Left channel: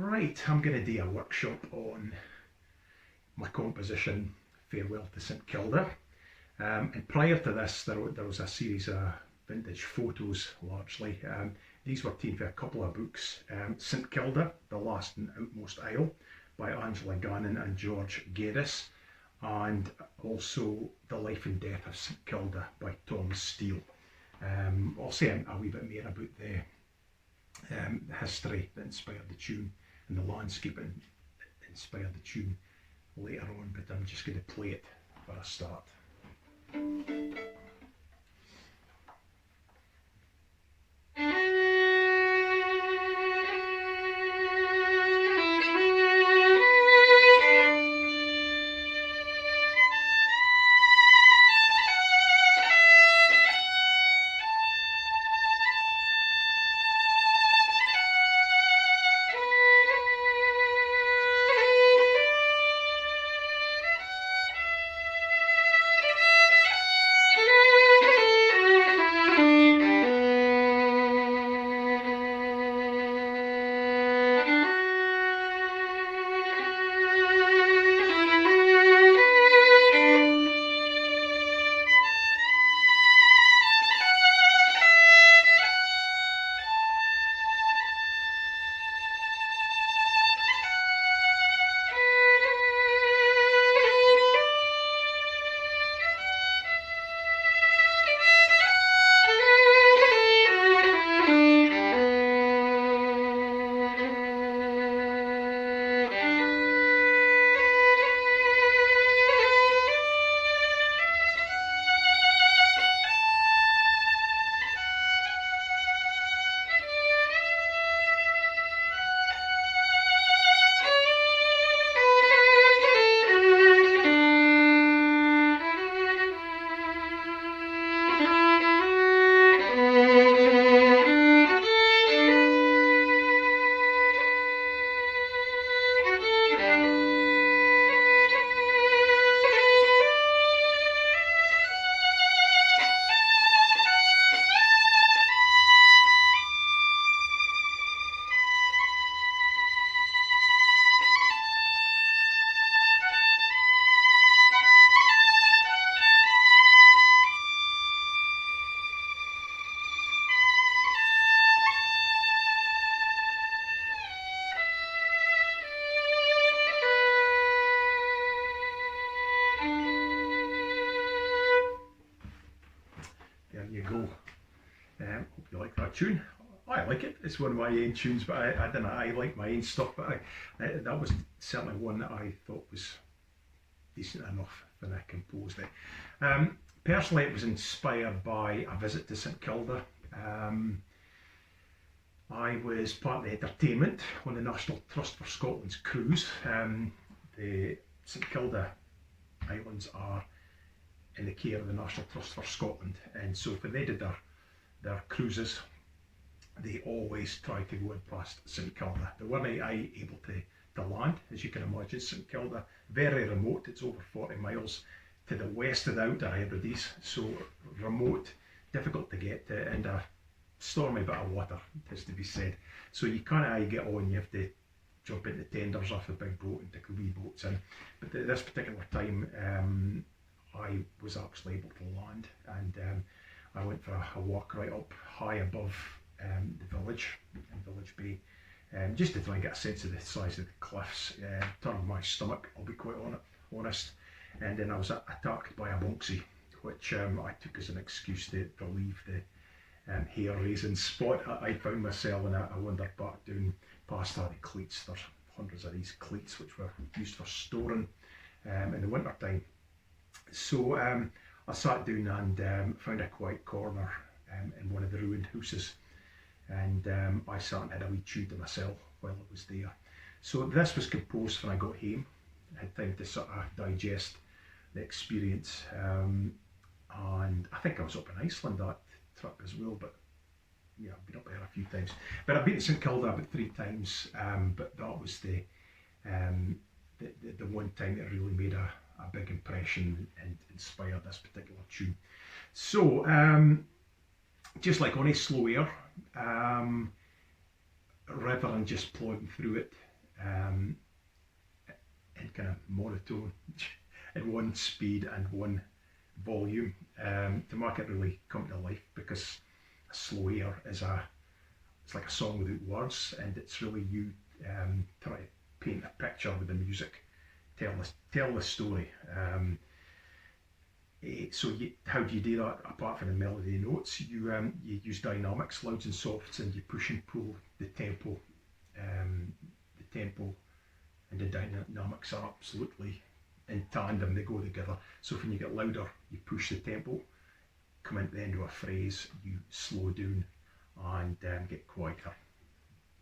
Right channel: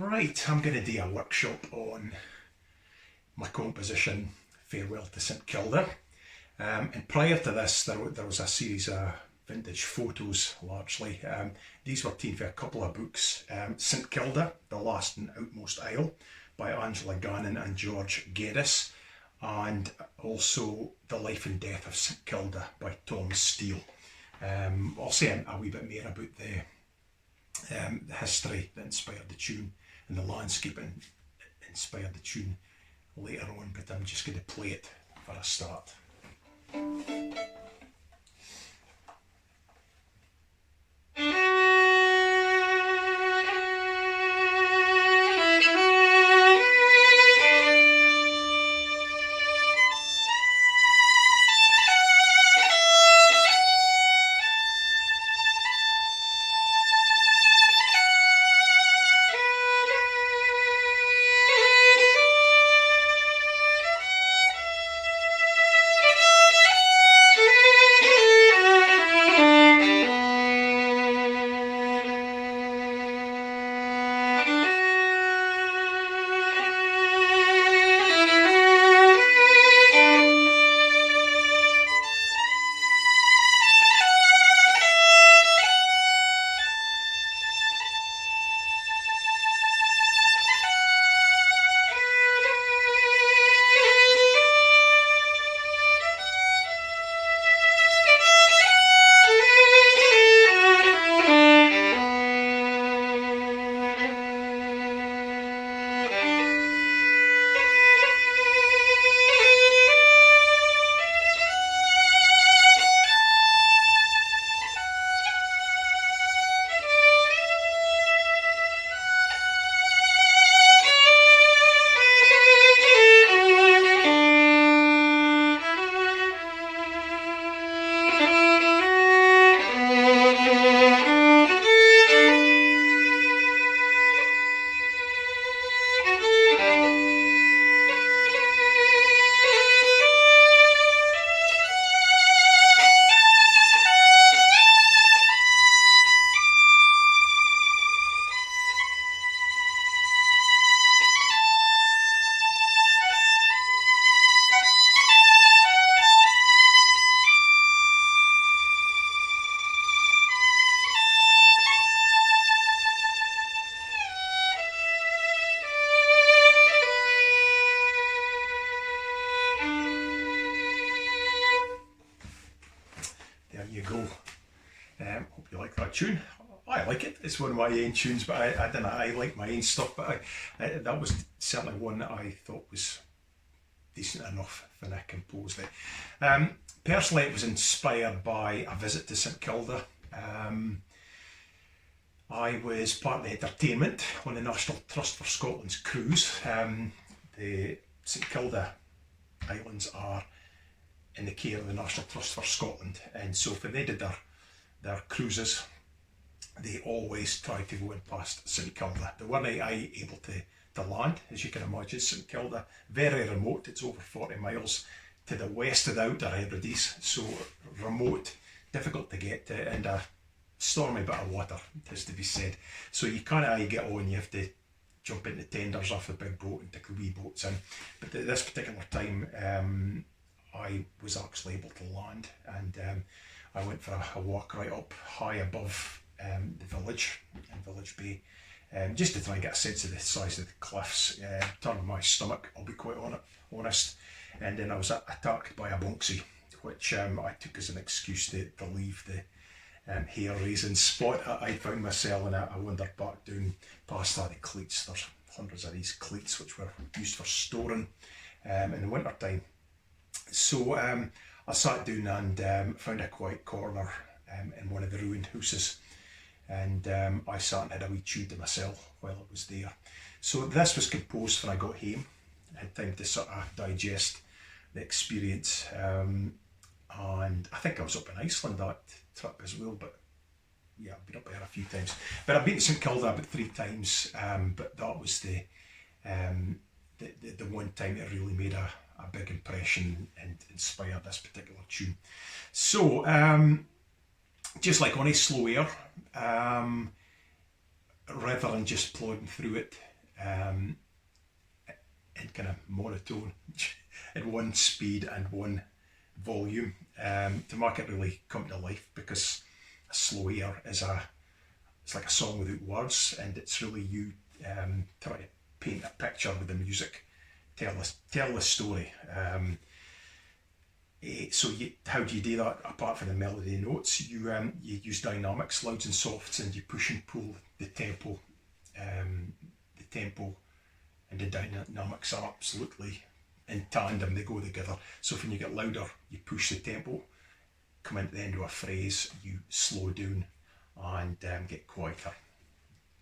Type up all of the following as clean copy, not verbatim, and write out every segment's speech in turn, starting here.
Right, I'm going to do a workshop on my composition Farewell to St Kilda. And prior to this, there was a series of vintage photos largely. These were taken for a couple of books. St Kilda, The Last and Outmost Isle by Angela Gannon and George Geddes, and also The Life and Death of St Kilda by Tom Steele. I'll say a wee bit more about the history that inspired the tune and the landscape that inspired the tune later on, but I'm just going to play it for a start. There you go. Hope you like that tune. I like it. It's one of my own tunes, but I don't know. I like my own stuff, but that was certainly one that I thought was decent enough when I composed it. Personally, it was inspired by a visit to St Kilda. I was part of the entertainment on the National Trust for Scotland's cruise. The St Kilda Islands are in the care of the National Trust for Scotland, and so when they did their cruises, they always tried to go in past St Kilda. They weren't able to land, as you can imagine. St Kilda, very remote. It's over 40 miles to the west of the Outer Hebrides, so remote, difficult to get to, and a stormy bit of water, it has to be said. So you can't get on, you have to jump into tenders off the big boat and take the wee boats in. But at this particular time, I was actually able to land, and I went for a walk right up high above the village, in Village Bay, just to try and get a sense of the size of the cliffs. Turned my stomach, I'll be quite honest, and then I was attacked by a bonksy, which I took as an excuse to leave the hair raising spot. I found myself, and I wandered back down past the cleats. There's hundreds of these cleats which were used for storing in the winter time. So I sat down and found a quiet corner in one of the ruined houses, and I sat and had a wee tune to myself while I was there. So this was composed when I got home. I had time to sort of digest the experience, and I think I was up in Iceland that trip as well, but yeah, I've been up there a few times. But I've been to St Kilda about 3 times, but that was the one time that really made a big impression and inspired this particular tune. So, just like on a slow air, rather than just plodding through it, in kind of monotone, in one speed and one volume, to make it really come to life, because a slow air is it's like a song without words, and it's really you try to paint a picture with the music, tell the story. So how do you do that? Apart from the melody notes, you use dynamics, louds and softs, and you push and pull the tempo. The tempo and the dynamics are absolutely in tandem, they go together. So when you get louder, you push the tempo. Come into the end of a phrase, you slow down and get quieter.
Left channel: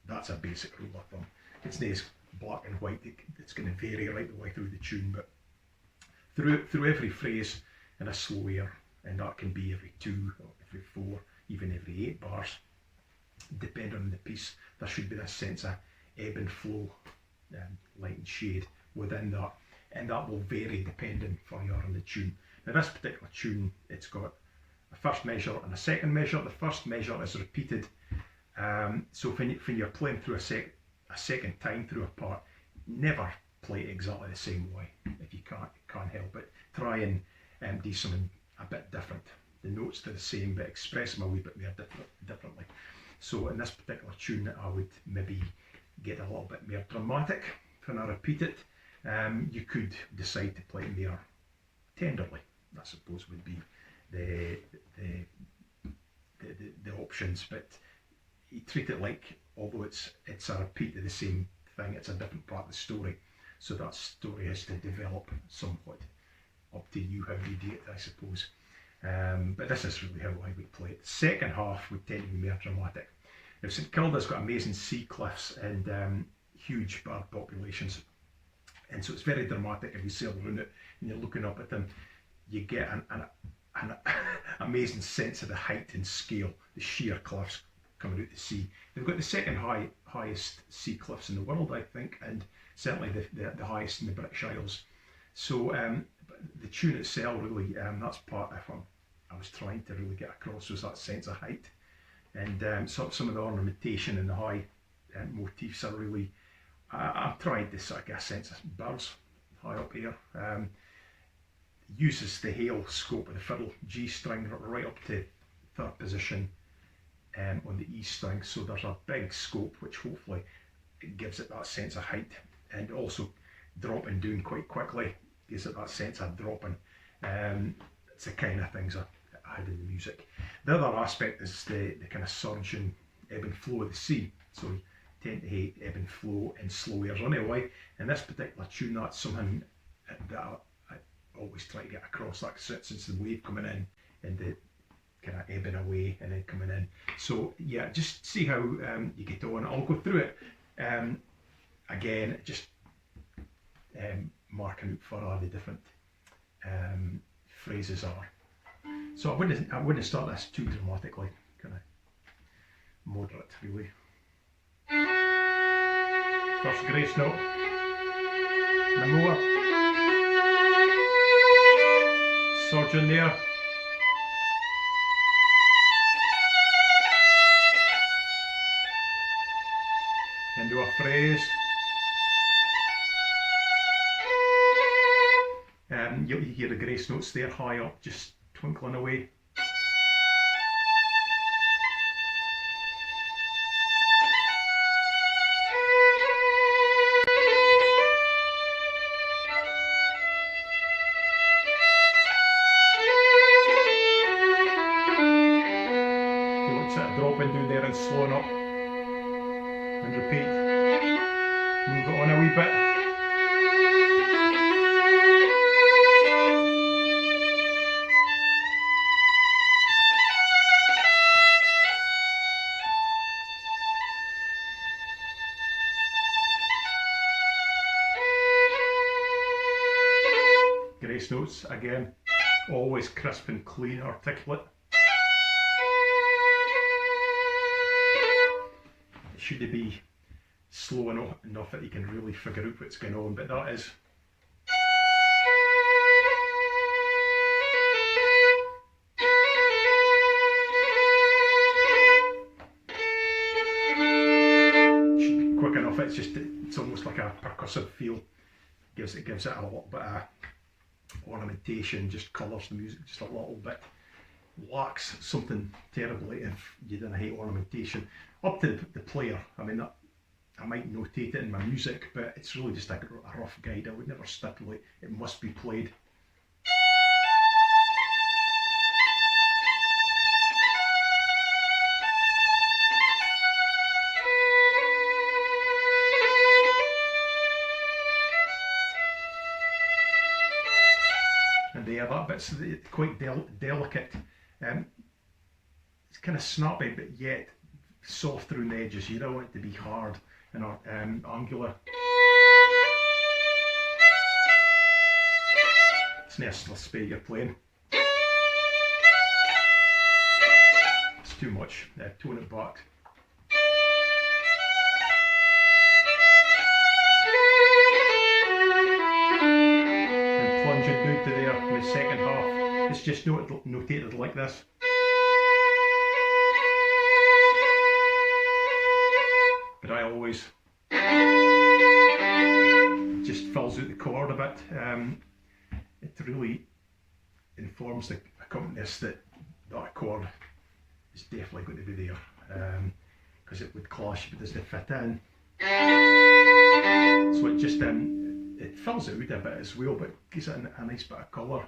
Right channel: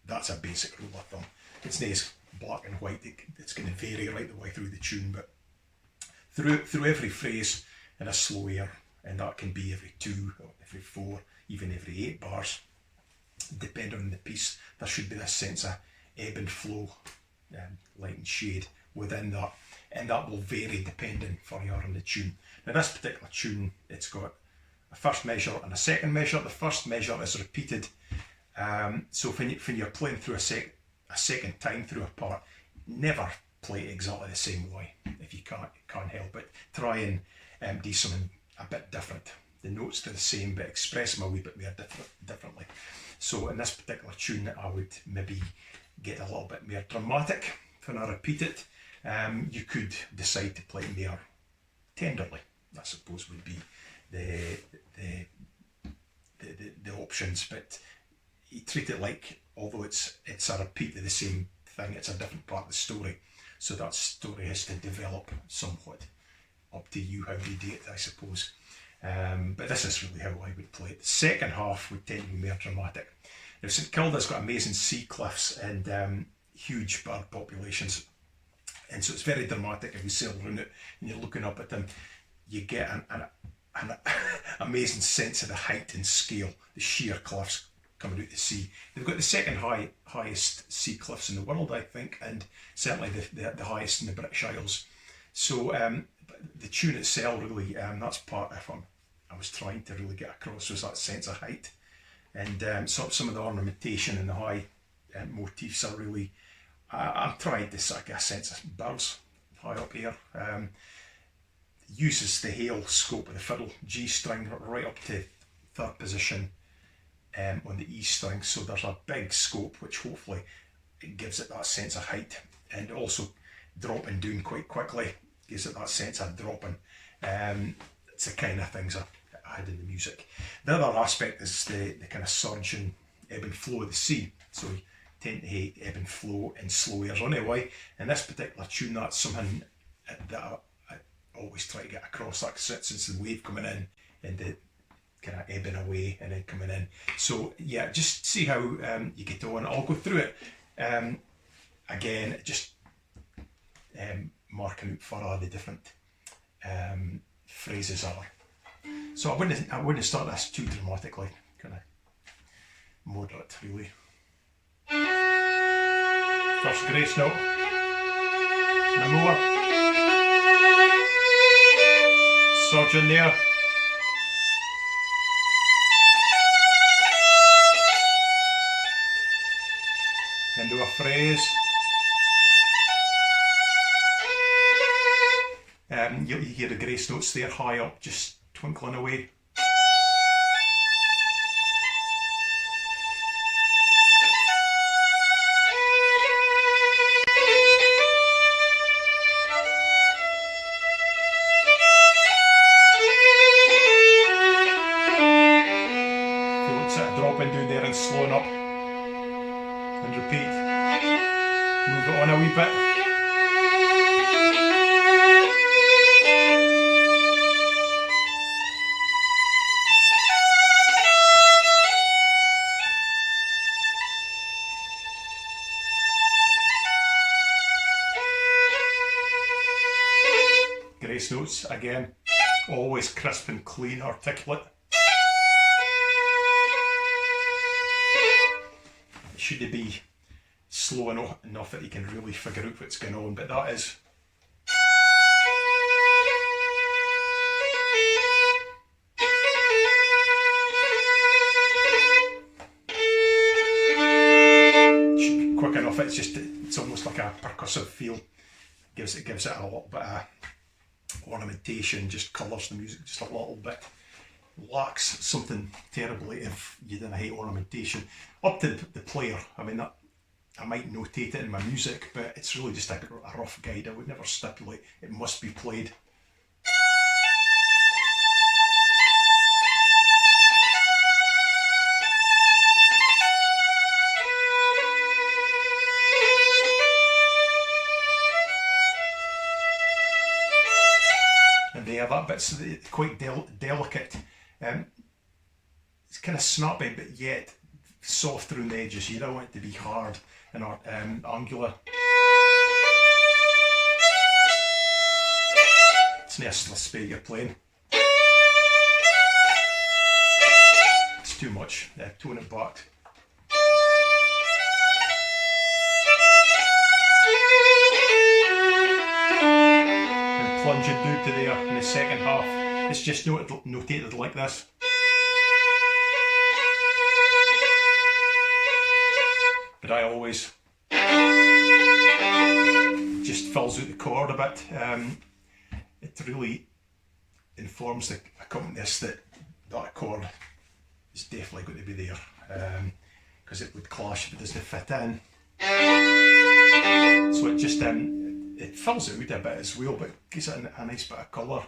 That's a basic rule of thumb. It's nice black and white, it's going to vary right the way through the tune, but through every phrase in a slow air, and that can be every 2, or every 4, even every 8 bars, depending on the piece, there should be this sense of ebb and flow, light and shade within that, and that will vary depending for you on the tune. Now this particular tune, it's got a first measure and a second measure. The first measure is repeated, so when you're playing through a second time through a part, never play it exactly the same way. If you can't help it, try and do something a bit different. The notes are the same, but express them a wee bit more differently. So in this particular tune, I would maybe get a little bit more dramatic when I repeat it. You could decide to play it more tenderly, I suppose would be the options, but you treat it like, although it's a repeat of the same thing, it's a different part of the story, so that story has to develop somewhat. Up to you how you do it, I suppose. But this is really how I would play it. The second half would tend to be more dramatic. Now, St Kilda's got amazing sea cliffs and huge bird populations, and so it's very dramatic. If you sail around it and you're looking up at them, you get an amazing sense of the height and scale, the sheer cliffs coming out the sea. They've got the second highest sea cliffs in the world, I think, and certainly the highest in the British Isles. So the tune itself really, that's part of what I was trying to really get across, was that sense of height. And some of the ornamentation and the high motifs are really, I'm trying to sort of get a sense of birds high up here. Uses the Hale scope of the fiddle, G string right up to 3rd position on the E string, so there's a big scope which hopefully it gives it that sense of height, and also dropping down quite quickly gives it that sense of dropping. It's the kind of things I had in the music. The other aspect is the kind of surge and ebb and flow of the sea, so we tend to hate ebb and flow in slow airs anyway. In this particular tune, that's something that I always try to get across, like since the wave coming in and the kind of ebbing away and then coming in. So yeah, just see how you get on. I'll go through it again, just marking out for all the different phrases are. So I wouldn't start this too dramatically, kind of moderate really. First grace note, the more surge in there. Into a phrase. You hear the grace notes there high up, just twinkling away. Feel it sort of dropping down there and slowing up. And repeat. Move it on a wee bit. Grace notes again, always crisp and clean, articulate. It should be slow enough that you can really figure out what's going on, but that is. Should be quick enough, it's almost like ornamentation just colours the music just a little bit. Lacks something terribly if you didn't hate ornamentation. Up to the player. I mean, that, I might notate it in my music, but it's really just a rough guide. I would never stipulate it must be played. And there, that bit's quite delicate. It's kind of snappy, but yet soft around the edges. You don't want it to be hard and angular. It's not a slispy you're playing. It's too much. Tone it back. And plunge it down to there in the second half. It's just notated like this. But I always just fills out the chord a bit. It really informs the accompanist that that chord is definitely going to be there, because it would clash if it doesn't fit in. So it just it fills it out a bit as well, but gives it a nice bit of colour.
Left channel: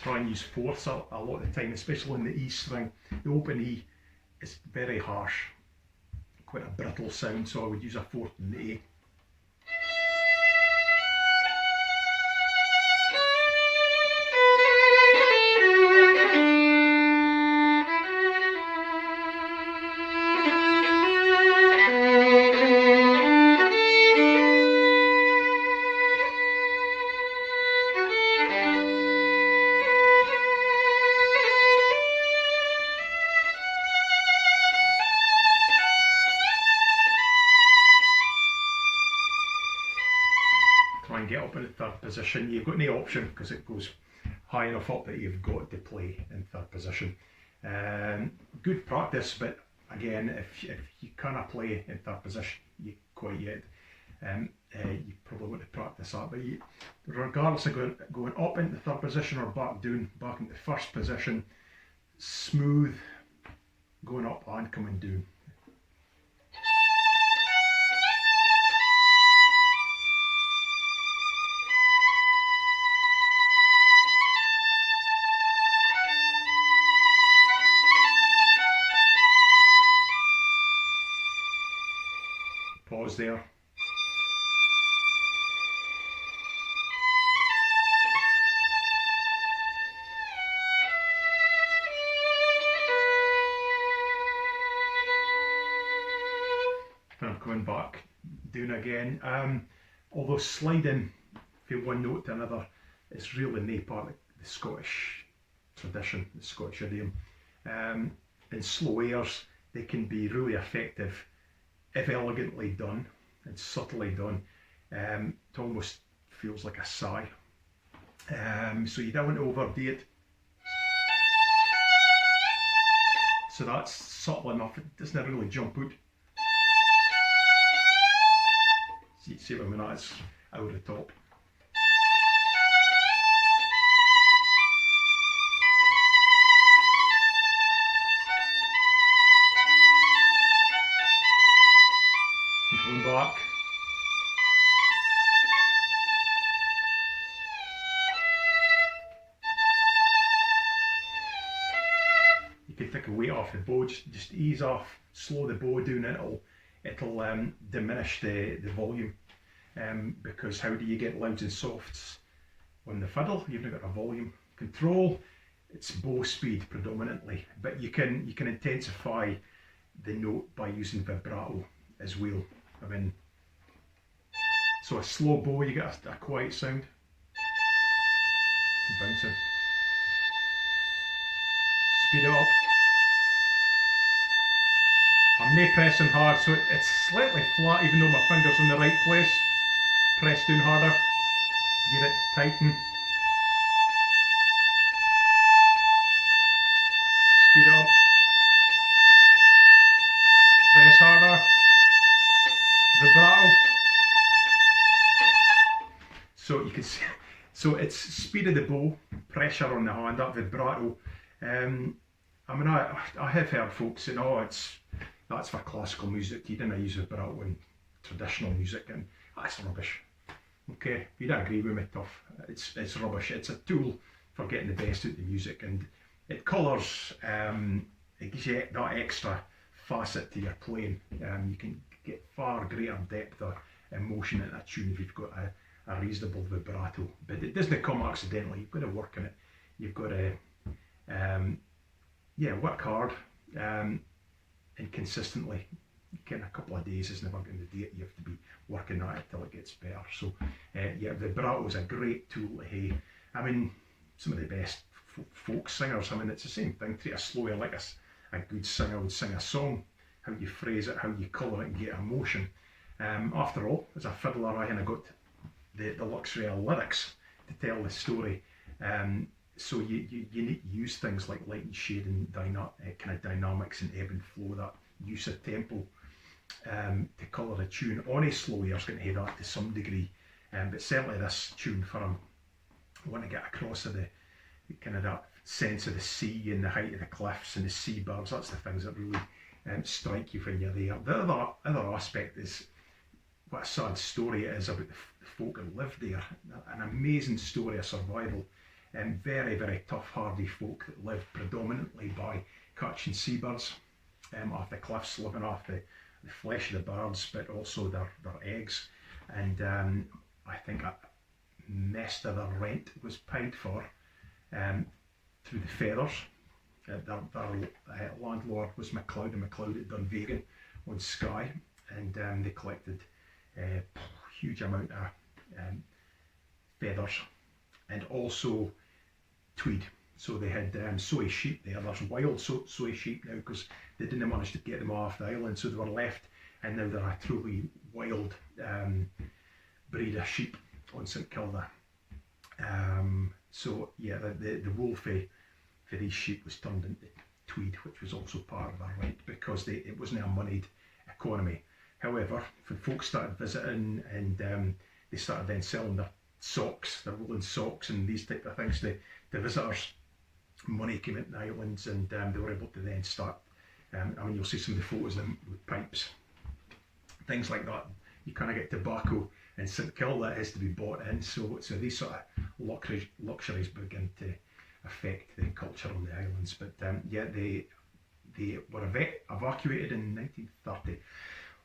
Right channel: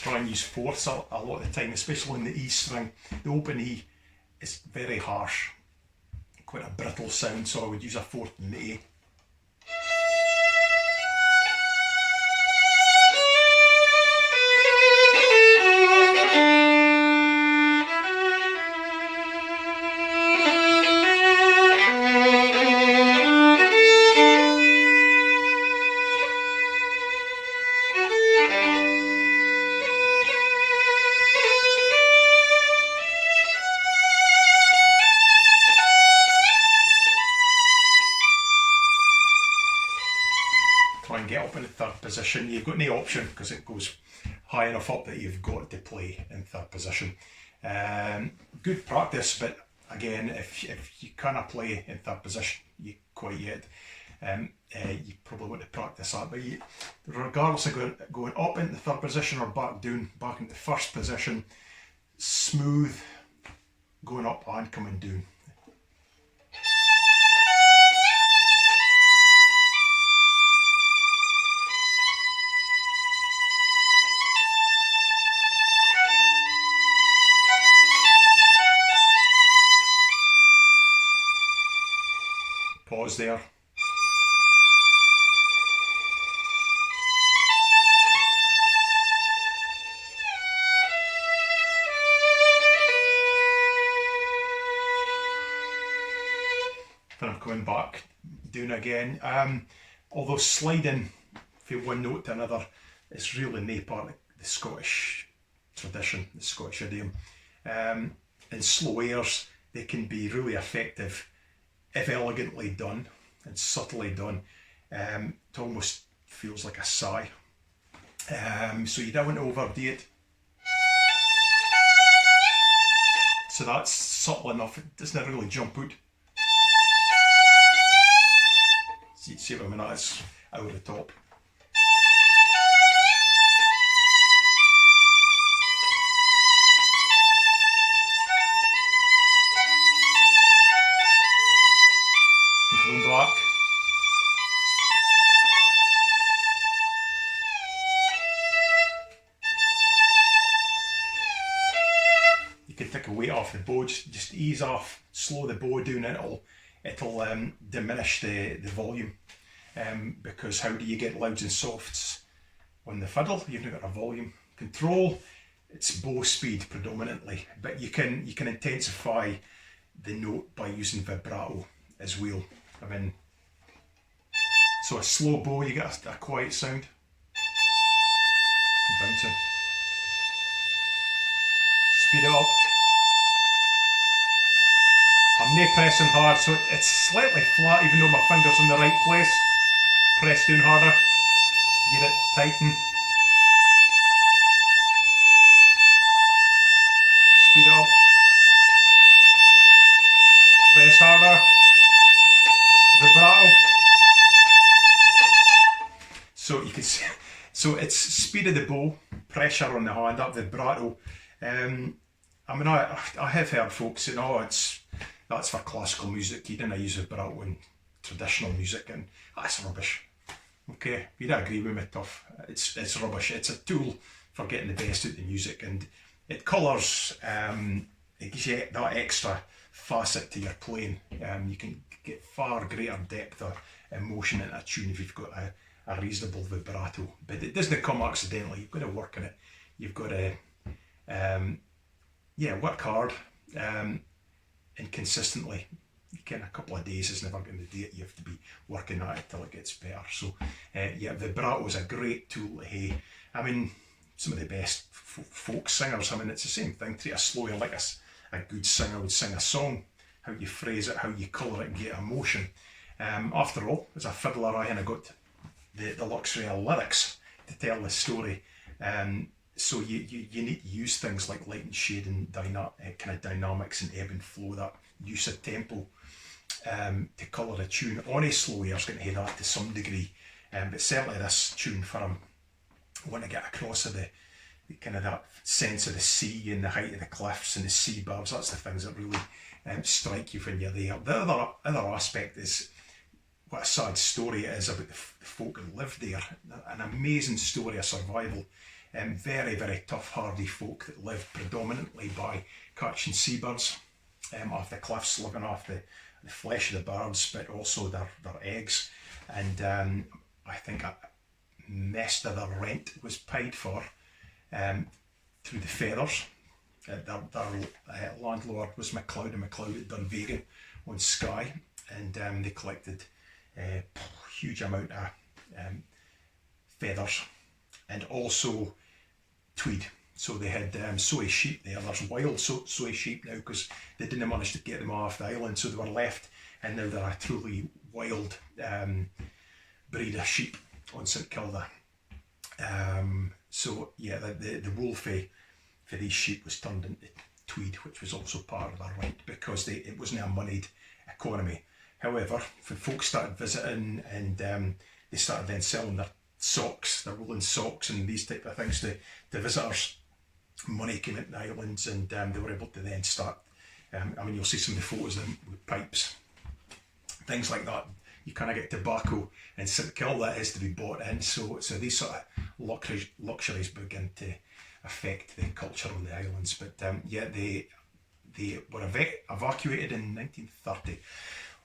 Try and use fourths a lot of the time, especially in the E string. The open E is very harsh, quite a brittle sound, so I would use a fourth in the A. Try and get up in the third position. You've got no option because it goes high enough up that you've got to play in third position. Good practice, but again, if you cannot play in third position you quite yet, you probably want to practice that. But regardless of going up into third position or back down, back into first position, smooth going up and coming down. Pause there. Then I'm coming back down again. Although sliding from one note to another is really no part of the Scottish tradition, the Scottish idiom. In slow airs, they can be really effective if elegantly done and subtly done. It almost feels like a sigh. So you don't want to overdo it. So that's subtle enough, it doesn't really jump out. See what I mean? That's over the top. Coming back. You can take a weight off the bow, just ease off, slow the bow down, and it'll diminish the volume. Because how do you get louds and softs on the fiddle? You've not got a volume control. It's bow speed predominantly, but you can intensify the note by using vibrato as well. I mean, so a slow bow, you get a quiet sound. Bouncing. Speed it up. I'm not pressing hard, so it's slightly flat even though my finger's in the right place. Press down harder, get it tighten, speed it up, press harder, vibrato. So you can see, so it's speed of the bow, pressure on the hand, up vibrato. I mean, I have heard folks saying, oh, that's for classical music, you didn't use vibrato in traditional music, and that's rubbish. Okay, if you don't agree with me, tough. It's rubbish. It's a tool for getting the best out of the music, and it colours, it gives you that extra facet to your playing. You can get far greater depth of emotion in a tune if you've got a reasonable vibrato. But it doesn't come accidentally. You've got to work on it. You've got to, work hard and consistently. A couple of days is never going to do it. You have to be working at it till it gets better. So, vibrato is a great tool to have. I mean, some of the best folk singers, I mean, it's the same thing. Treat a slower like a good singer would sing a song. How you phrase it, how you colour it and get emotion. After all, as a fiddler, I got the luxury of lyrics to tell the story. So you need to use things like light and shade and kind of dynamics and ebb and flow, that use of tempo to colour a tune. On a slow air is going to have that to some degree, but certainly this tune for him, I want to get across of the kind of that sense of the sea and the height of the cliffs and the seabirds. That's the things that really strike you when you're there. The other aspect is what a sad story it is about the folk that lived there. An amazing story of survival. Very, very tough, hardy folk that lived predominantly by catching seabirds off the cliffs, living off the flesh of the birds, but also their eggs. And I think most of their rent was paid for through the feathers. Their landlord was MacLeod and MacLeod at Dunvegan on Skye, and they collected a huge amount of feathers and also tweed. So they had soy sheep there. There's wild soy sheep now because they didn't manage to get them off the island, so they were left, and now they're a truly wild breed of sheep on St Kilda. So yeah, the wool for these sheep was turned into tweed, which was also part of their rent because it wasn't a moneyed economy. However, when folks started visiting and they started then selling their socks, their woolen socks and these type of things to visitors, money came into the islands, and they were able to then start, I mean, you'll see some of the photos of them with pipes, things like that. You kind of get tobacco in St Kilda that has to be bought in, so these sort of luxuries begin to affect the culture on the islands. But they were evacuated in 1930,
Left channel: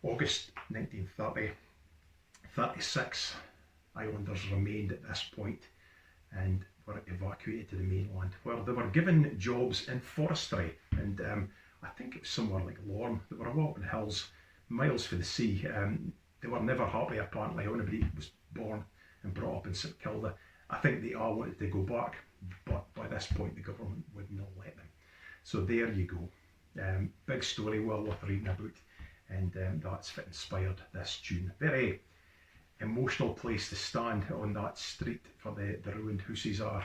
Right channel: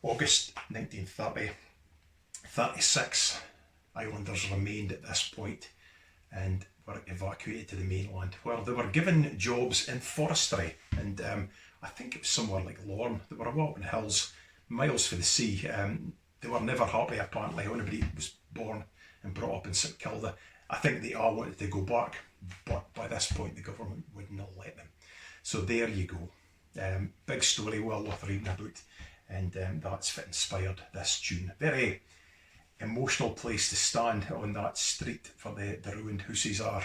August 1930. 36 islanders remained at this point and were evacuated to the mainland, where they were given jobs in forestry, and I think it was somewhere like Lorne. They were up in the hills, miles from the sea. They were never happy, apparently. Anybody was born and brought up in St Kilda, I think they all wanted to go back, but by this point the government would not let them. So there you go. Big story, well worth reading about, and that's what inspired this tune. Very emotional place to stand on that street for the ruined houses are.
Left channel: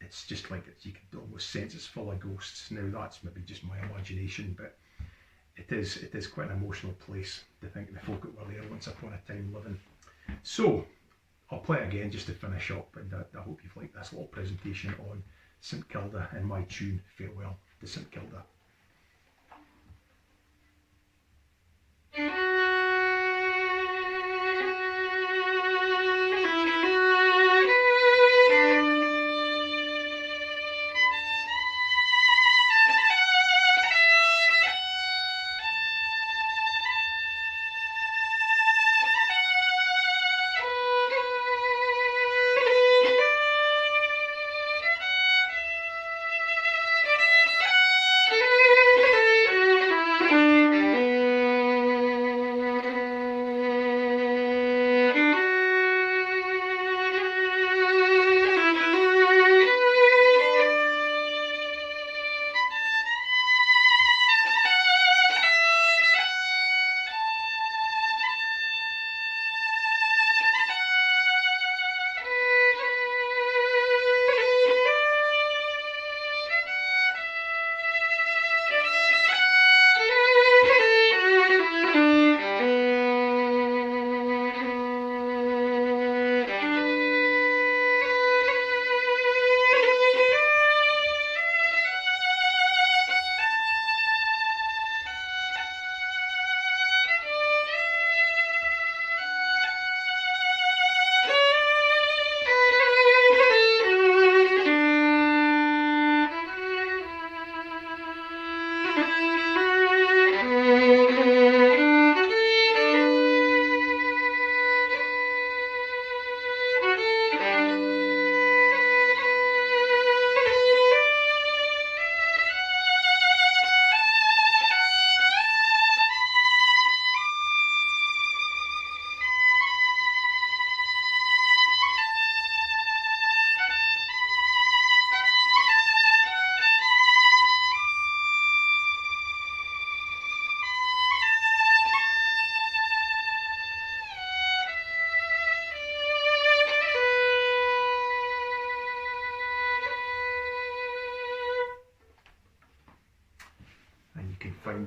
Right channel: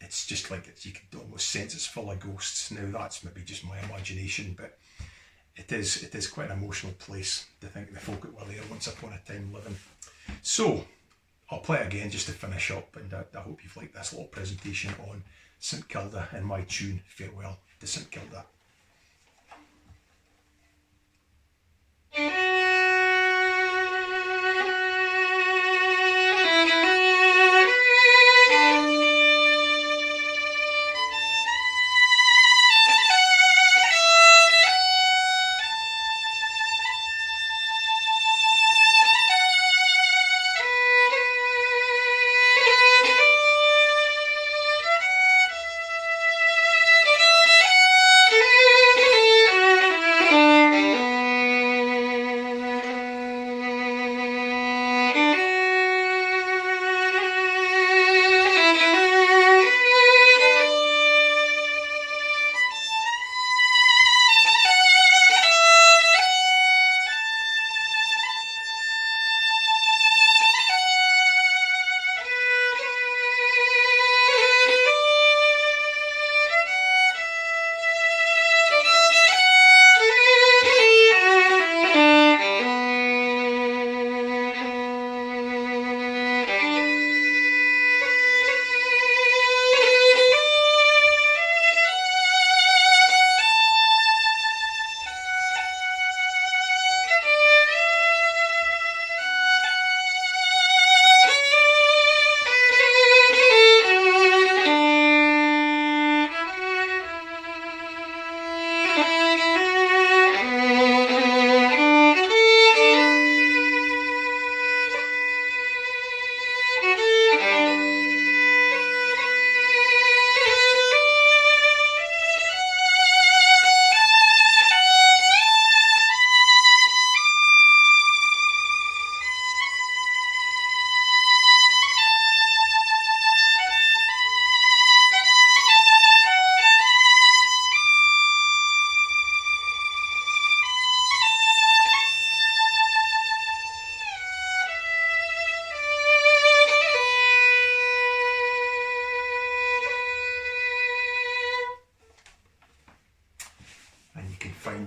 It's just like you could almost sense it's full of ghosts. Now that's maybe just my imagination, but it is quite an emotional place to think of the folk that were there once upon a time living. So I'll play it again just to finish up, and I hope you've liked this little presentation on St Kilda and my tune Farewell to St Kilda.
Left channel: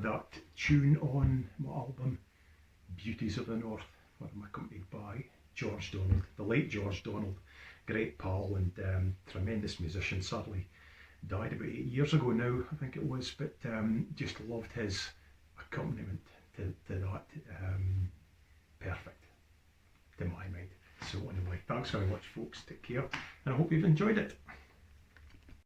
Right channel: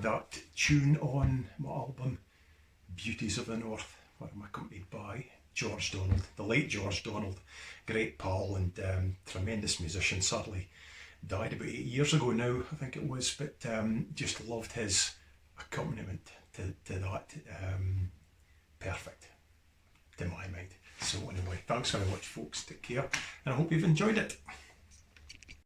that tune on my album Beauties of the North, where I'm accompanied by George Donald, the late George Donald, great pal and tremendous musician. Sadly died about 8 years ago now, I think it was, but just loved his accompaniment to that. Perfect to my mind. So anyway, thanks very much folks, take care, and I hope you've enjoyed it.